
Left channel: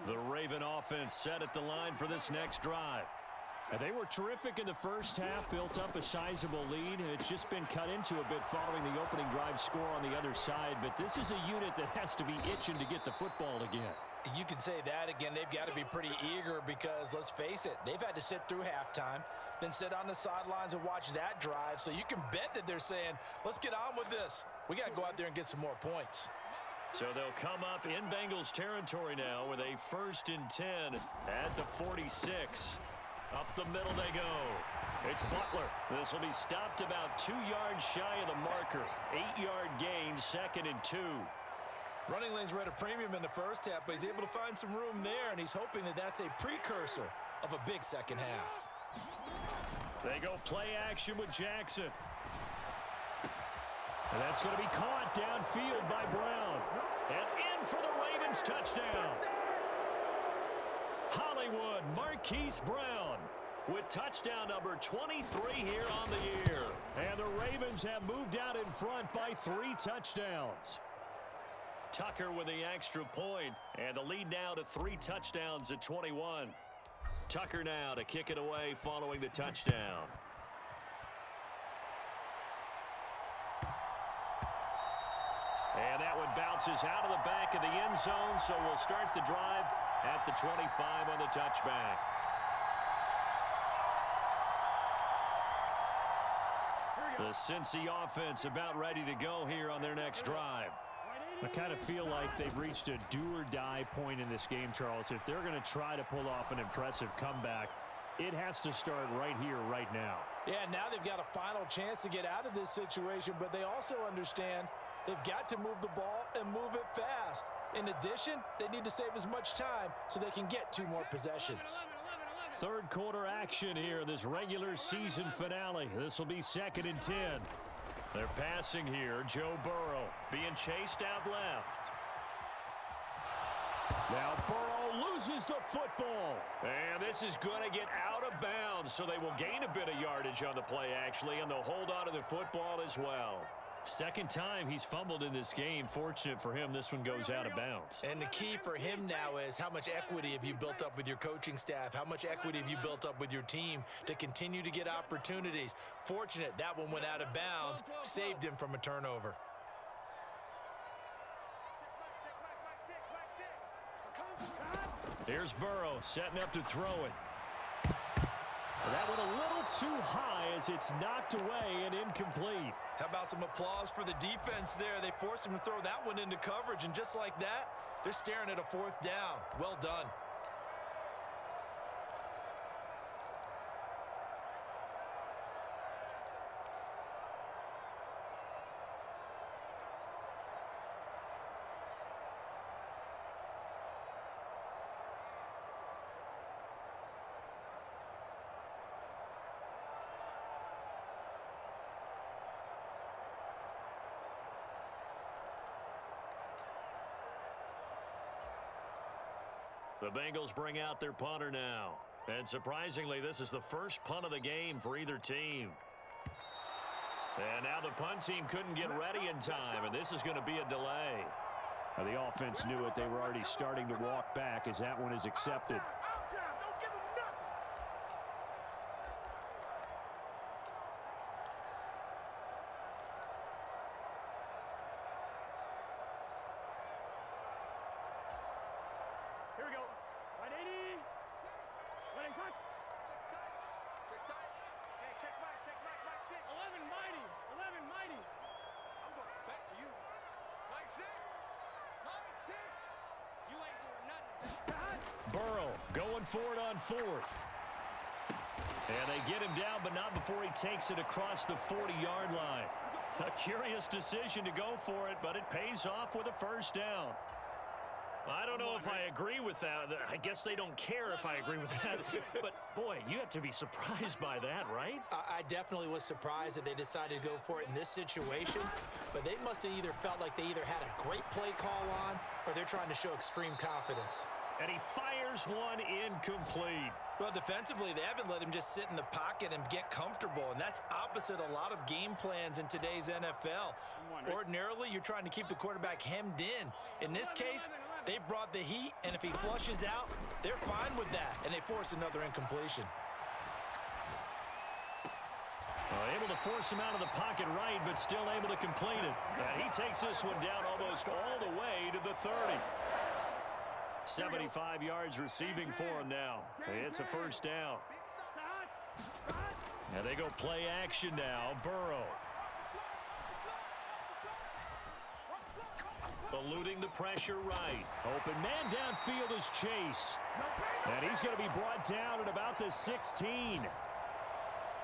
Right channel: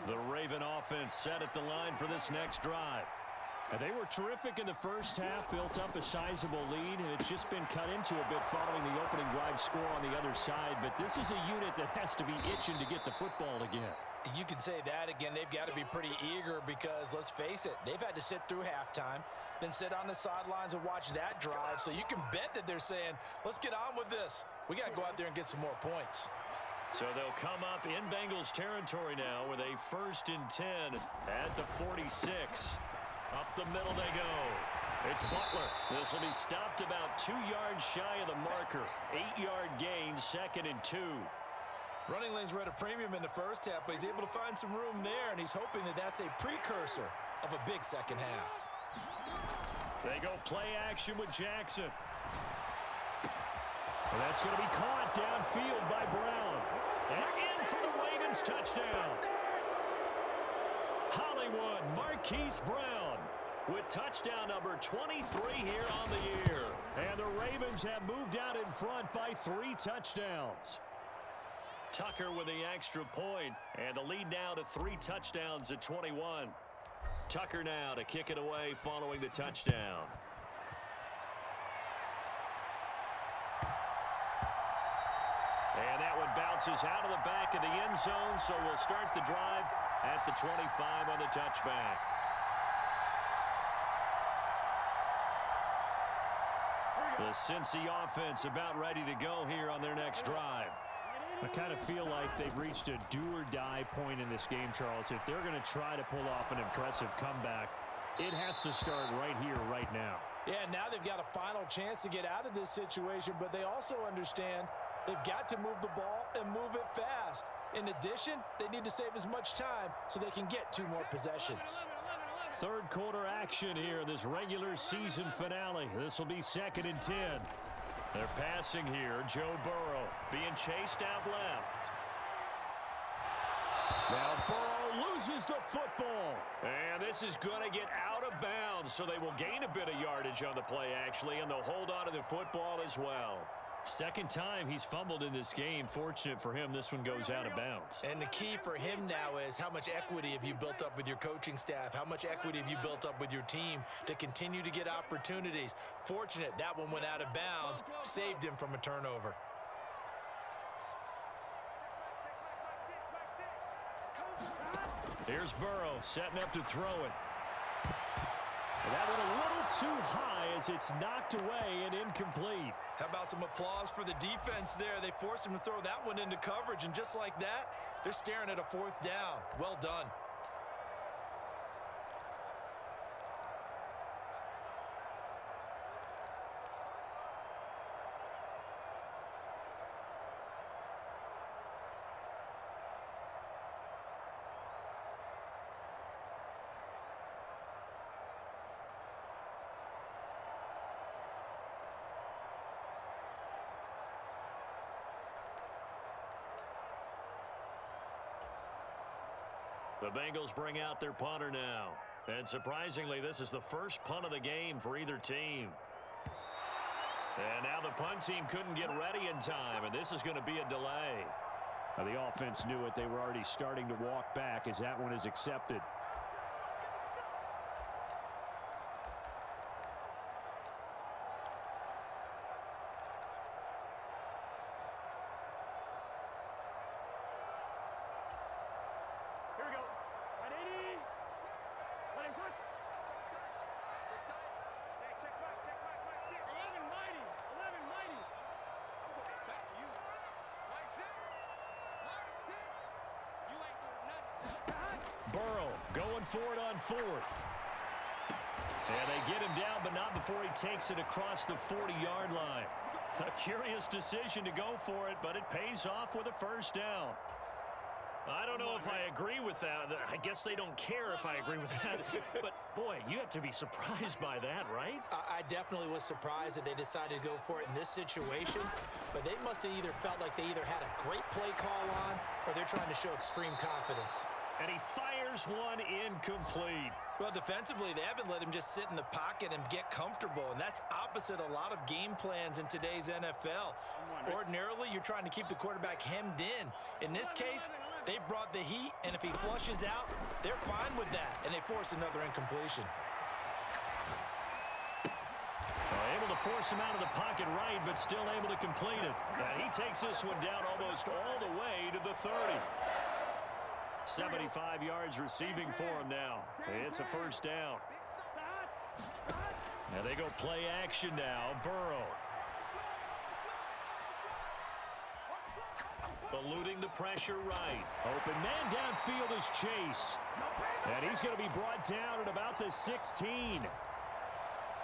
The Raven offense set at the line for this next drive. And they were terrific in the first half, built up a sizable lead, and it's just been cut into a bit following the opening drive score on the other side. But this is a unit that has to be itching to get the football again. You can say that again. They've got to be pretty eager because, let's face it, they've had to sit through halftime, then sit on the sidelines and watch that drive. So you can bet that they're saying, let's get on with this. We got to go out there and get some more points. So they'll come up in Bengals territory now with a 1st and 10 at the 46. Up the middle they go. It's Butler. This will be stopped about 2 yards shy of the marker. 8-yard gain, 2nd and 2. Running lanes were at a premium in the first half, but he's able to find some room there, and he's hoping that that's a precursor of a big second half. They go play action with Jackson. And that's going to be caught downfield by Brown. And in for the Ravens touchdown. Hollywood Marquise Brown with touchdown number 23 here on the year. And the Ravens have moved out in front by 3 touchdowns. Tucker with the extra point, and the lead now to 3 touchdowns at 21. Tucker now to kick it away following the touchdown. And that one bounces out of the back of the end zone, so we'll start the drive at the 25 on the touchback. The Cincy offense about ready to go here on their next drive. I kind of feel like they've reached a do-or-die point in this game, Charles. If they're going to try to pull off an impressive comeback, it has to start right here, right now. Yeah, now they've got a final chance to get out of this situation, but they also understand they've got to move the ball and move it fast. In addition, they need to save as much time so they can get 2 more possessions. Third quarter action here, this regular season finale. This will be 2nd and 10. They're passing here. Joe Burrow being chased out left. Now Burrow loses the football. And this is going to get out of bounds, so they will gain a bit of yardage on the play, actually, and they'll hold on to the football as well. Second time he's fumbled in this game. Fortunate for him, this one goes out of bounds. And the key for him now is how much equity have you built up with your coaching staff? How much equity have you built up with your team to continue to get opportunities? Fortunate that one went out of bounds, saved him from a turnover. Here's Burrow setting up to throw it. And that one a little too high as it's knocked away and incomplete. How about some applause for the defense there? They forced him to throw that one into coverage, and just like that, they're staring at a 4th down. Well done. The Bengals bring out their punter now. And surprisingly, this is the first punt of the game for either team. And now the punt team couldn't get ready in time, and this is going to be a delay. Now the offense knew it. They were already starting to walk back as that one is accepted. Going for it on fourth. And they get him down, but not before he takes it across the 40-yard line. A curious decision to go for it, but it pays off with a first down. I don't know if I agree with that. I guess they don't care if I agree with that. But, boy, you have to be surprised by that, right? I definitely was surprised that they decided to go for it in this situation. But they must have either felt like they either had a great play call on or they're trying to show extreme confidence. And he fires one incomplete. Well, defensively, they haven't let him just sit in the pocket and get comfortable, and that's opposite a lot of game plans in today's NFL. Ordinarily, you're trying to keep the quarterback hemmed in. In this case, they brought the heat, and if he flushes out, they're fine with that, and they force another incompletion. Able to force him out of the pocket right, but still able to complete it. And he takes this one down almost all the way to the 30. 75 yards receiving for him now. It's a first down. And they go play action now. Burrow. Eluding the pressure right. Open man downfield is Chase. And he's going to be brought down at about the 16.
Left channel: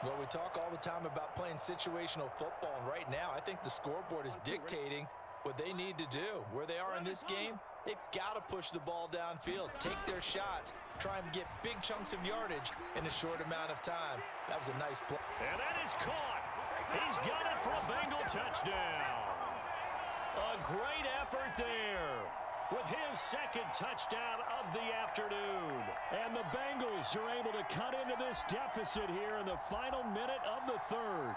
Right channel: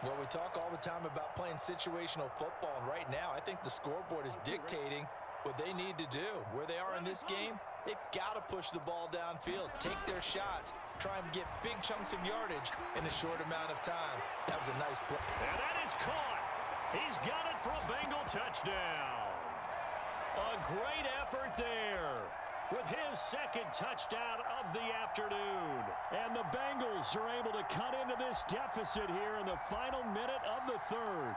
Well, we talk all the time about playing situational football, and right now I think the scoreboard is dictating what they need to do. Where they are in this game, they've got to push the ball downfield, take their shots, try and get big chunks of yardage in a short amount of time. That was a nice play. And that is caught. He's got it for a Bengal touchdown. A great effort there with his second touchdown of the afternoon. And the Bengals are able to cut into this deficit here in the final minute of the third.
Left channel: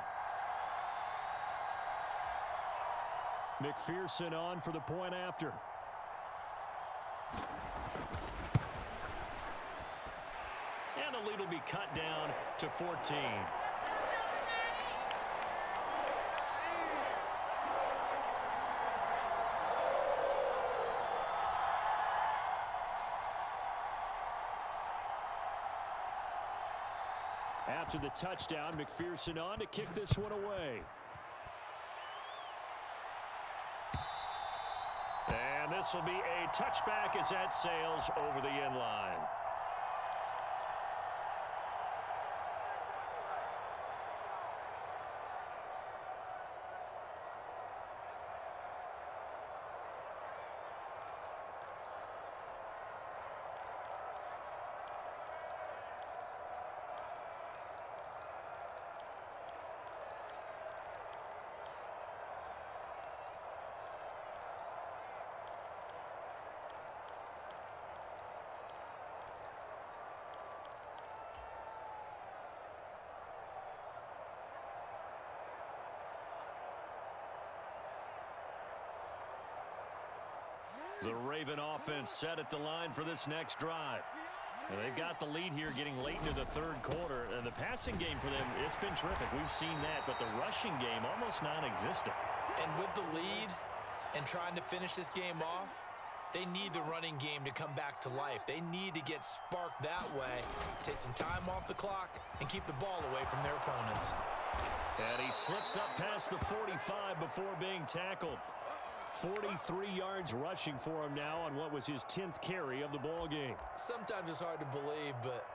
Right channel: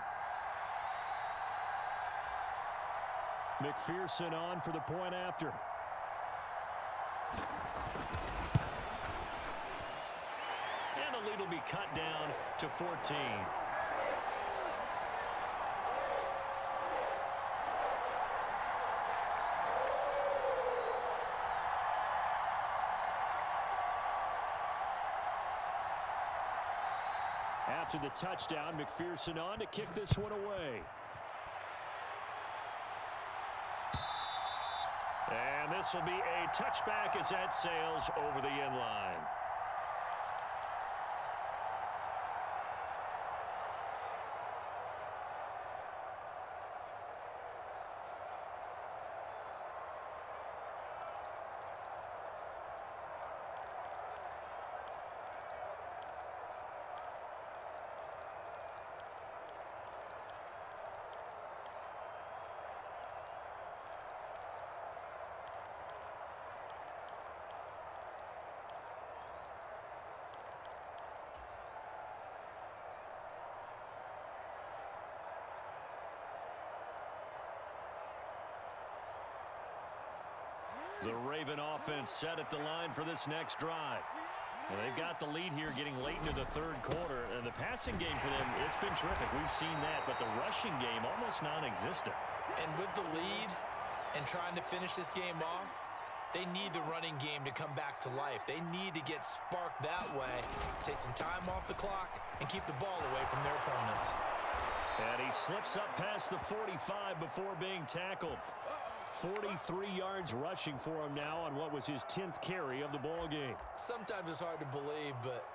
McPherson on for the point after. And the lead will be cut down to 14. After the touchdown, McPherson on to kick this one away. And this will be a touchback as that sails over the end line. The Raven offense set at the line for this next drive. And they've got the lead here getting late into the third quarter. And the passing game for them, it's been terrific. We've seen that, but the rushing game almost non-existent. And with the lead and trying to finish this game off, they need the running game to come back to life. They need to get sparked that way, take some time off the clock, and keep the ball away from their opponents. And he slips up past the 45 before being tackled. 43 yards rushing for him now on what was his 10th carry of the ball game. Sometimes it's hard to believe, but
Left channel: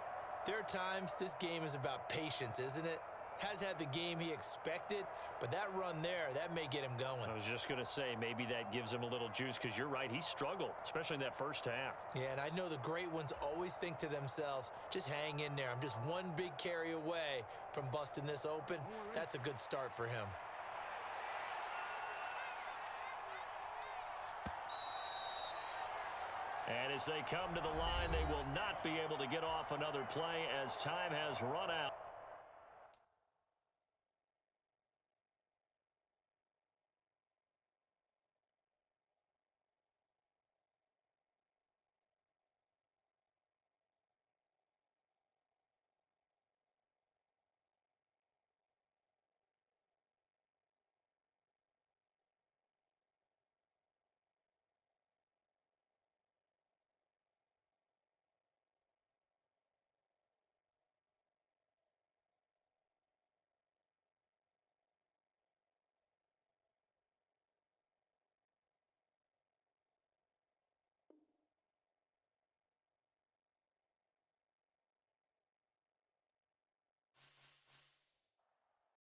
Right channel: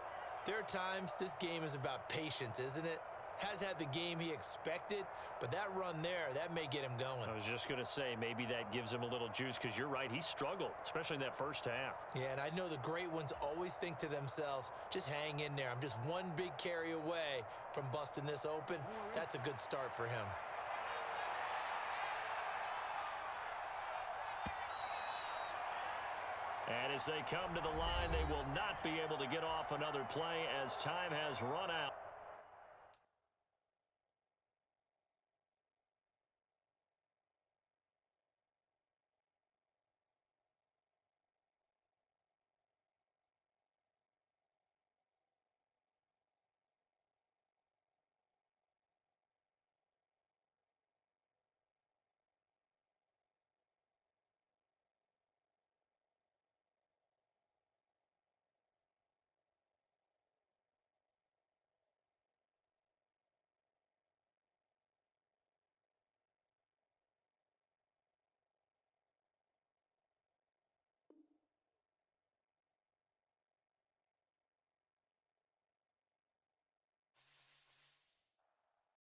there are times this game is about patience, isn't it? Has had the game he expected, but that run there, that may get him going. I was just going to say, maybe that gives him a little juice, because you're right, he struggled, especially in that first half. Yeah, and I know the great ones always think to themselves, just hang in there. I'm just one big carry away from busting this open. That's a good start for him. And as they come to the line, they will not be able to get off another play as time has run out.